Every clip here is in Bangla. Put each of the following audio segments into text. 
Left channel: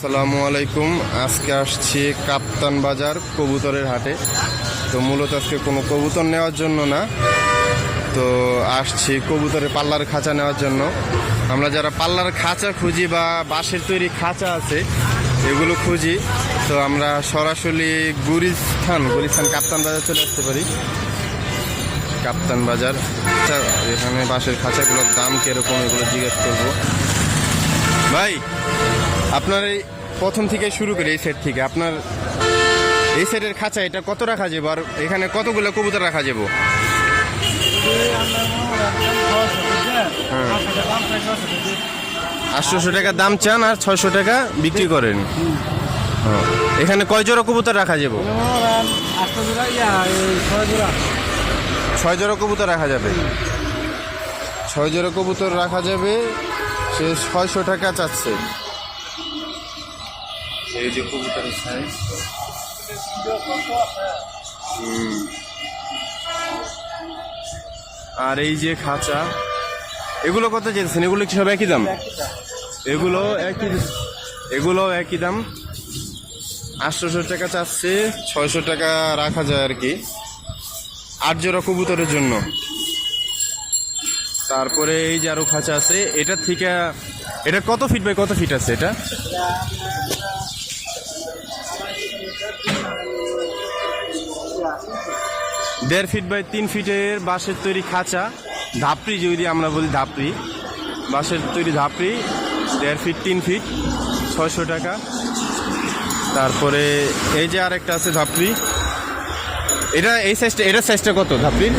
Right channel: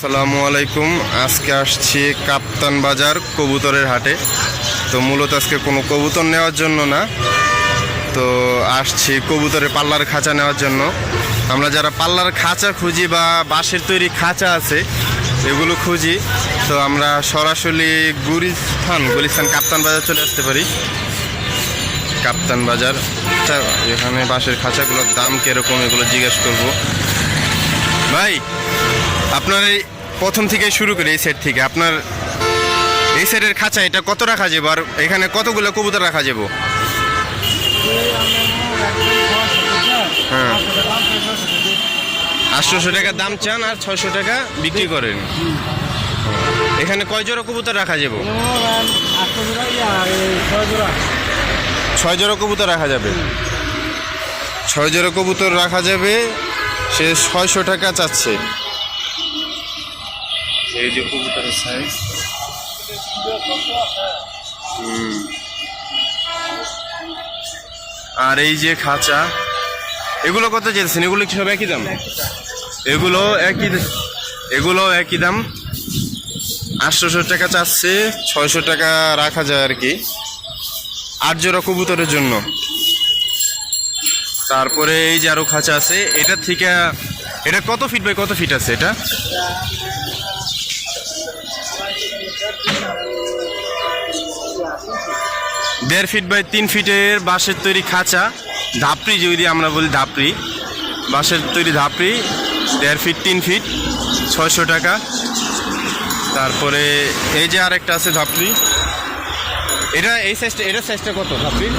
আসসালামু আলাইকুম। আজকে আসছি কাপ্তান বাজার কবুতরের হাটে। তো মূলত আজকে কোনো কবুতর নেওয়ার জন্য না, তো আসছি কবুতরের পাল্লার খাঁচা নেওয়ার জন্য। আমরা যারা পাল্লার খাঁচা খুঁজি বা বাঁশের তৈরি খাঁচা আছে এগুলো খুঁজি, তো আমরা সরাসরি গুলিস্তান কাপ্তান বাজার চলে আসতে পারি। কাপ্তান বাজার, এখানে বাঁশের খাঁচাগুলোর দাম কীরকম এগুলো জিজ্ঞেস করব। ভাই, আপনার এই প্রথম থেকে শুরু করে এই সেট থেকে, আপনার এই সেটের খাঁচা এটা কত রাখা যাবো, আর এখানে কতগুলো কবুতর রাখা যাবো? হ্যাঁ, 800 টাকা দাম চান আর 600 টাকা বিক্রি করেন। এখানে কয় জোড়া কবুতর রাখা যাবো? 6 জোড়া কবুতর রাখা যাবে। 6 জোড়া কবুতর রাখা যাবে। সে 600 টাকা চাচ্ছে। এই যে কবুতরের সাইজ, আর এই যে খাঁচা, এগুলো কত চেয়েছেন? এগুলো কি সব একই দাম? এগুলো একই দাম। 800 টাকা চাচ্ছে, 600 টাকা রাখা যায় আর কি 8 জোড়া কবুতরের জন্য। তারপরে এই যে আরো খাঁচা আছে, এটা থেকে এটা কত ফিট বাই কত ফিট আছে? এটা 1.5 ফিট বাই 3 ফিটের বাঁশের তৈরি খাঁচা, ধাপড়ি যদি আমরা বলি, ধাপড়ি বাঁশের তৈরি ধাপড়ি, 1.5 ফিট 3 ফিট, 600 টাকা। তারপরে এই যে আরেকটা আছে ধাপড়ি, এটা এই সাইজটা, এটার সাইজটা কত ধাপড়ির?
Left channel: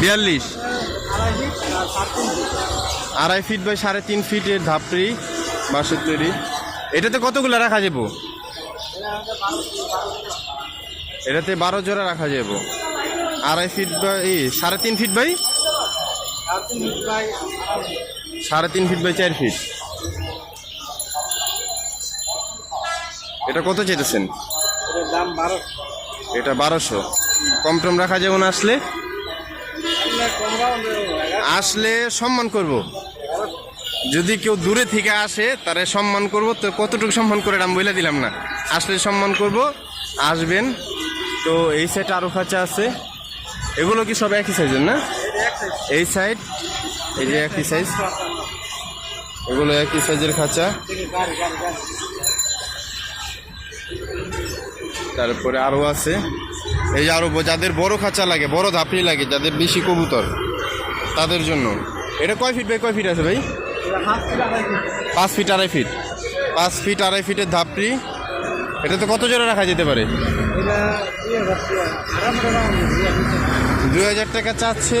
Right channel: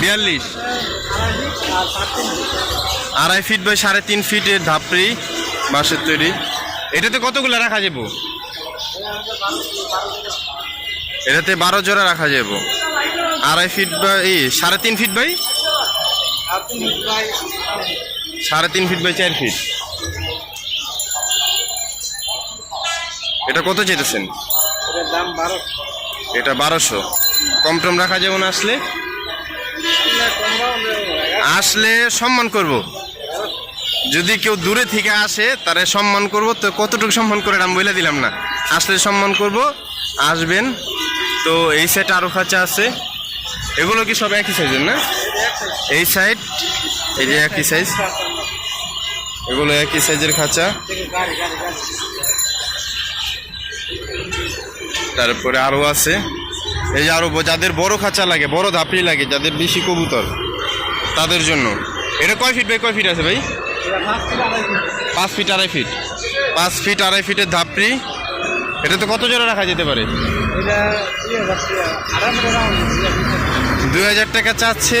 42, 2.5 ফিট বাই 3.5 ফিটের ধাপড়ি বাঁশের তৈরি। এটাতে কতগুলো রাখা যাবো? এটাতে 12 জোড়া রাখা যাবো। 2.5 feet by 3.5 feet by 3.5 feet by 4 feet. এটা কত চেয়েছেন? এটা 1200। কম টম রাখা যাবে না? আসলে সম্মান করব। যদি কেউ দূরে থেকে আসে তারে সম্মান করব। তো কতটুকু সম্মান করে আমি বলে দিলাম না, আসলে সম্মান করব, আসবেন। তো এই সাইড আরও খাঁচা আছে, এগুলো কি সব একই সাইজের না? এই সাইড, এই যে একই সাইজ, এগুলো একই সাইজের খাঁচা। তারপরে আরও আছে, এই যে আরও যাদের বড় খাঁচা লাগে, বড় ধাপড়ি লাগে, যাদের বেশি কবুতর, তাদের জন্য। এটা কয় ফিট বাই কয় ফিট আছে ভাই? 5 ফিট 2.5 ফিট। 5 ফিট 2.5 ফিটের ধাপড়ি। এটা তো কত জোড়া রাখা যেতে পারে? 2000 টাকা চাচ্ছে,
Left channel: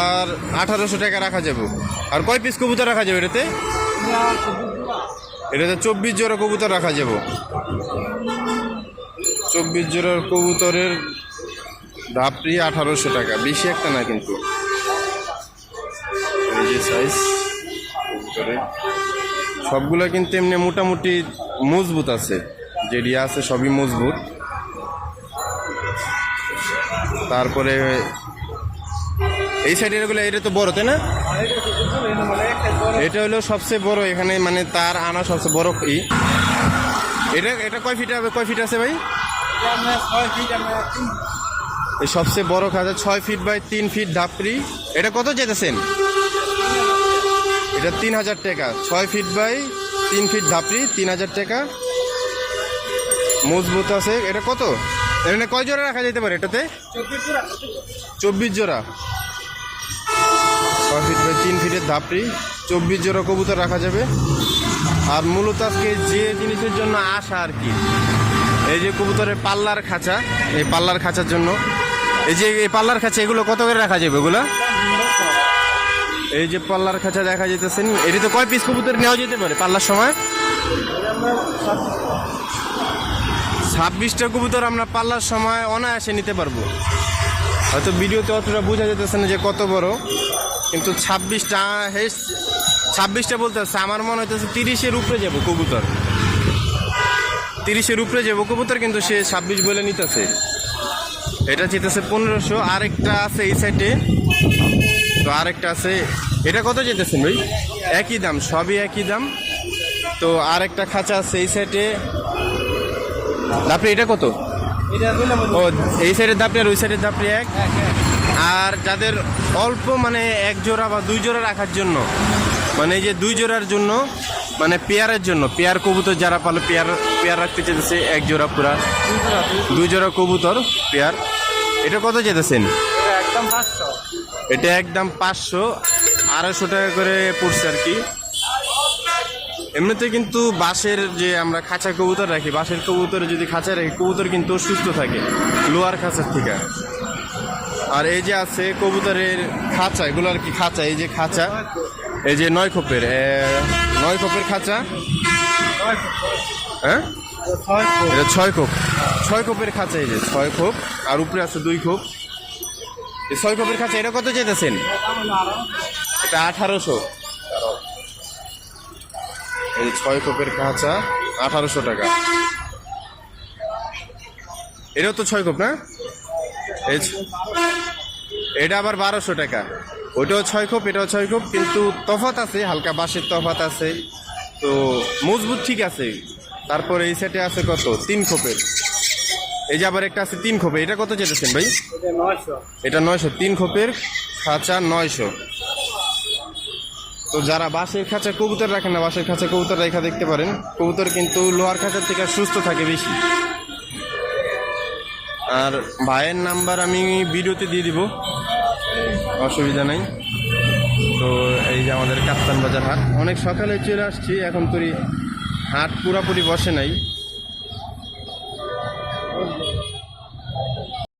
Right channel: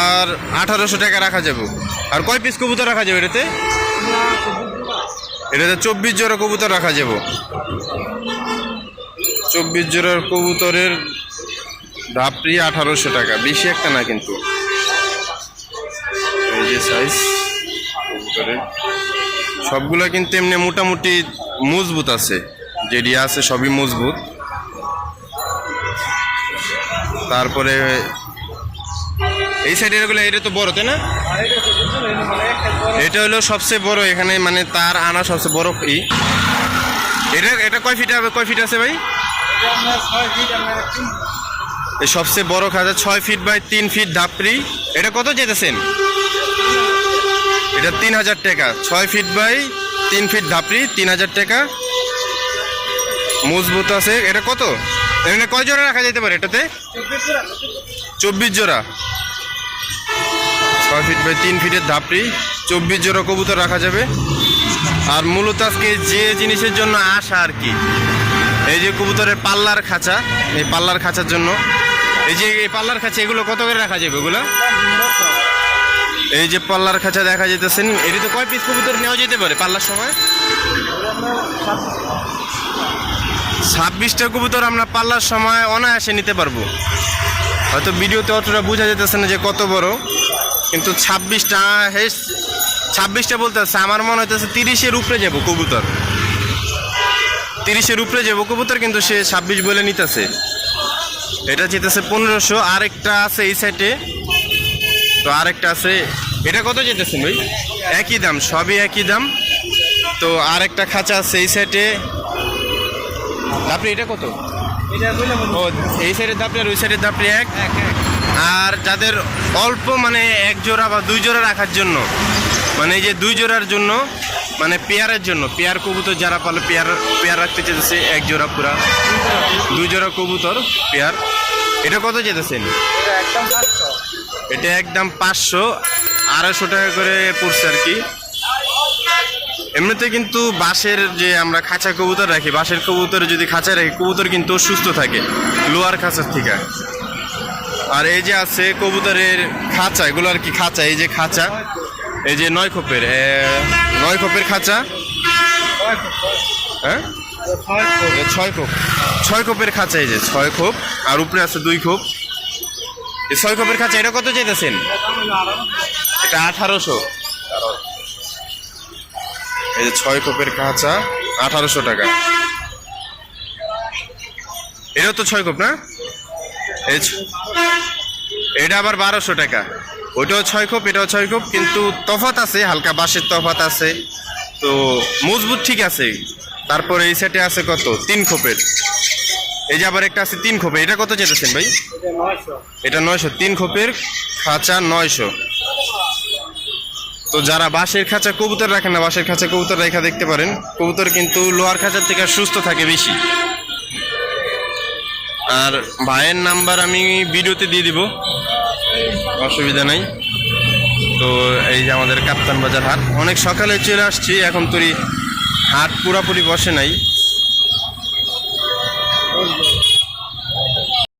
আর 1800 টাকা রাখা যাবে। আর কয় পিস কবুতর রাখা যাবে এটাতে? 24 জোড়া কবুতর রাখা যাবে। 24 জোড়ার কবুতরের ধাপড়ি 1800 টাকা, বেশি একটা না কিন্তু। এই যে সাইজ কবুতরের, সবগুলো কিন্তু এমনি মোটামুটি মজবুত আছে, যেটি আছে সবই মজবুত। তারপরে এই সাইডের এগুলো, এটা তো বড়, তাই না? এটা হলো সবচেয়ে বড় এখানে, মানে তার আনা সবচেয়ে বড়। এটা কয় ফিট হবে, কয় ফিট আছে ভাই? এই সবচেয়ে বড় খাঁচা 6 ফিট বাই 3 ফিট ধাপড়ি। এটা কত যেতেছেন? এটা 3000 টাকা। 6 ফিট বাই 3 ফিট ধাপড়ি, 3000 টাকা, মজবুত আছে। এটা কত? এখানে কয় জোড়া রাখা যেতে পারে এটাতে? 24 জোড়া। 6 ফিট বাই 3 ফিটের ধাপড়ি, 24 জোড়া কবুতর রাখা যাবে। আর মূলত আজকে যে জিনিসের জন্য আসা আর কি, এই যে কবুতরের পাল্লার খাঁচা, এই পাল্লার খাঁচার জন্য। এই যে এই পাল্লার খাঁচা, এগুলো কত করে রাখা যাবে? এগুলো এই যে পাল্লার খাঁচা দেখা যেতেছেন, এটি তো কয় পিস কবুতর নেওয়া যেতে পারে পাল্লার সময়? 26টা কবুতর আমরা পাল্লার সময় অনায়াসে নিতে পারবো। হয়তো ভিডিওতে অতটা বোঝা যেতেছে না যে কত বড়, কিন্তু 26টা বলতে হচ্ছে, আমার মনে হইতেছে 30-এর উপরে যাবো কবুতর, 30-এর উপরে যাবো কবুতর, কিন্তু সে 26 বলে নিতেছে। এটা যেতেছে 1500। আরেকটা আছে এই সাইডে, তো আরেকটা আছে। এটা কত যেতেছেন ভাই? একই দাম, সবই একই দাম। তো আর একটা খাঁচা আছে এই সাইডে। দাপড়ি এটা কত? ও এই সাইডের দাপড়ি আর ওই সাইডের দাপড়ি এক। আর যাদের অল্প মানে এক জোড়া বা দুই জোড়া রাখার জন্য, মানে এই যে দুই জোড়ার জন্য, মানে পেয়ারের জন্য, পেয়ার কবুতর যারা পালে পেয়ার রাখতে চেয়েছে এক জোড়া পুরা দুই জোড়া কবুতর পেয়ার, এটা কত যেতেছেন? এটা একদম 500, 250 টাকা করে পড়ছে আর কি। এমনিতে কিন্তু বাঁশের যে আমরা খাঁচা কবুতর রাখি, বাঁশের কবুতরে যদি খাঁচায় রাখি কবুতর কিন্তু সুস্থ থাকে লোয়ার খাঁচার থেকে। আর এই যে আছে কবুতরের খাঁচা, এগুলো আর কি খাঁচা, এই যে খাঁচা, এই যে 9 খোপের খাঁচা। হ্যাঁ 6 খোপের খাঁচা, এই যে 6 খোপ আর উপরে আছে 2 খোপ। এই 6 খোপের খাঁচা এটা কত চাইতেছেন? এটা 1800। এই যে 6 খোপের খাঁচা 1800 টাকা। এটাও তো 6 খোপ না? এটা আবার 1200 টাকা। ওইটাও 6 খোপ, এটাও 6 খোপ, কিন্তু তফাৎ আছে, হালকা বাঁশের তফাৎ আছে, তো মজবুত ঠিক আছে। তারপরে এই সেটে আছে কত? 3 খোপের। এই যে আবার একটা আছে 3 খোপের, এটা কত চেয়েছেন ভাই? এটা 900। 3 খোপের খাঁচা 900। তো যারা বাঁশের খাঁচা কবুতর রাখেন না, বাঁশের খাঁচা কবুতর রেখা দেখতে পারেন, কবুতর কিন্তু লোহার খাঁচার থেকে সুস্থ থাকে বেশি। আর ভাইয়ের নাম্বার আমি ভিডিওতে দিয়ে দিব, অসুবিধা নাই। তো এই যে আমাদের কাপ্তান বাজার হাট, অনেক সকালে চলে আসছি, এখন তোরই হাট পুরাপুরি বসে নাই।